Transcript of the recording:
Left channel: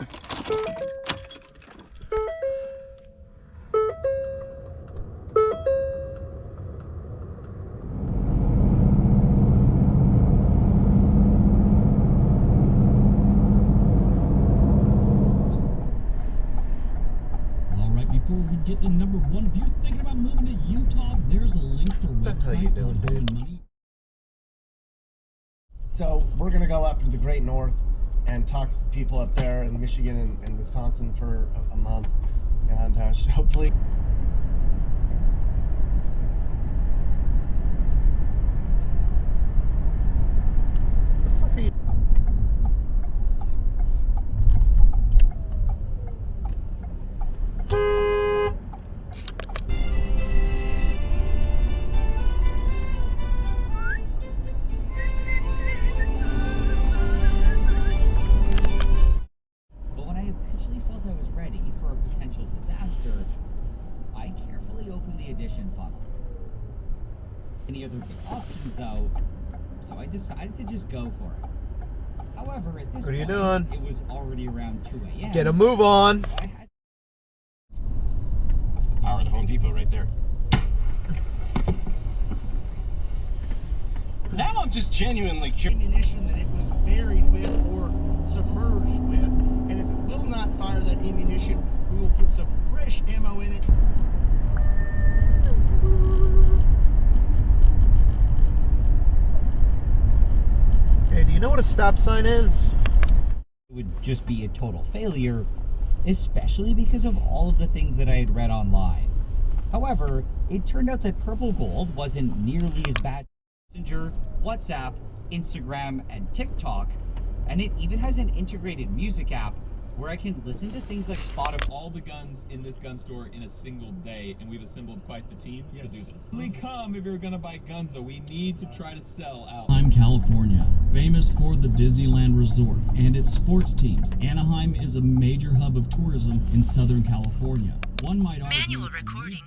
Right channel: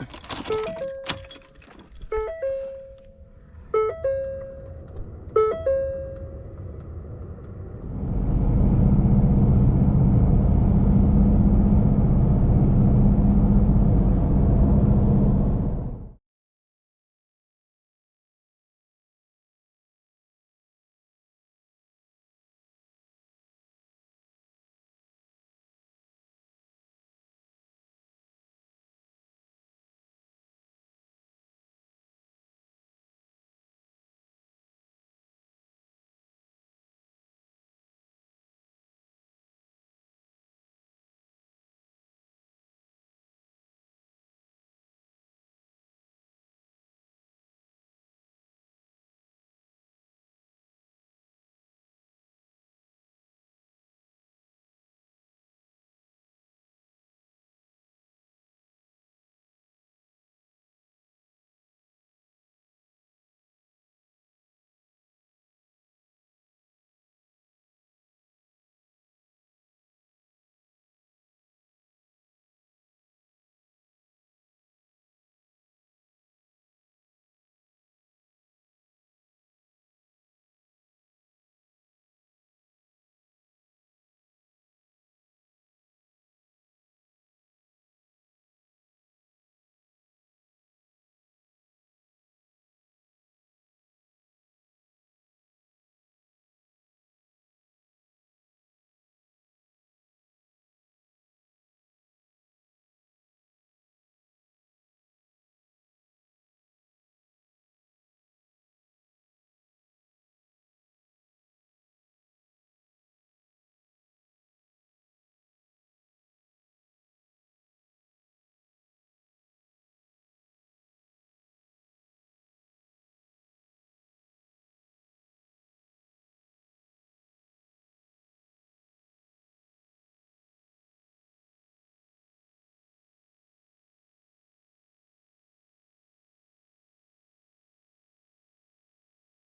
Before we get to number one, if you're thinking about moving to Utah, there's a link for a website for borrowing money. So we're gonna go up to the Great North and talk to people up there in Michigan and Wisconsin for a month, and hopefully. The fuck are you? Any other options though, so I decided to just go for it. However, at this point, it was already around 2 a.m. Get a move on. That's the power of the Home Depot right there. Now I'm just genuinely curious. Ammunition that it was buried with or submerged with, and if it will not fire that ammunition, we will put some fresh ammo in it. Hey, do you know what a stop sign is? It would just be a total failure, especially because of all of the things that I had read online. However, it turned out that Purple Gold wasn't nearly as bad as Messenger, WhatsApp, Instagram, and TikTok, and it even has an integrated music app where I can listen to things like Spotify. All the guns in this gun store in a single day, and we've assembled quite the team to do this. Only come if you're gonna buy guns, though. We need to try to sell out. Anaheim, California, famous for the Disneyland Resort and its sports teams. Anaheim is a major hub of tourism in Southern California. One might argue. Manual recording.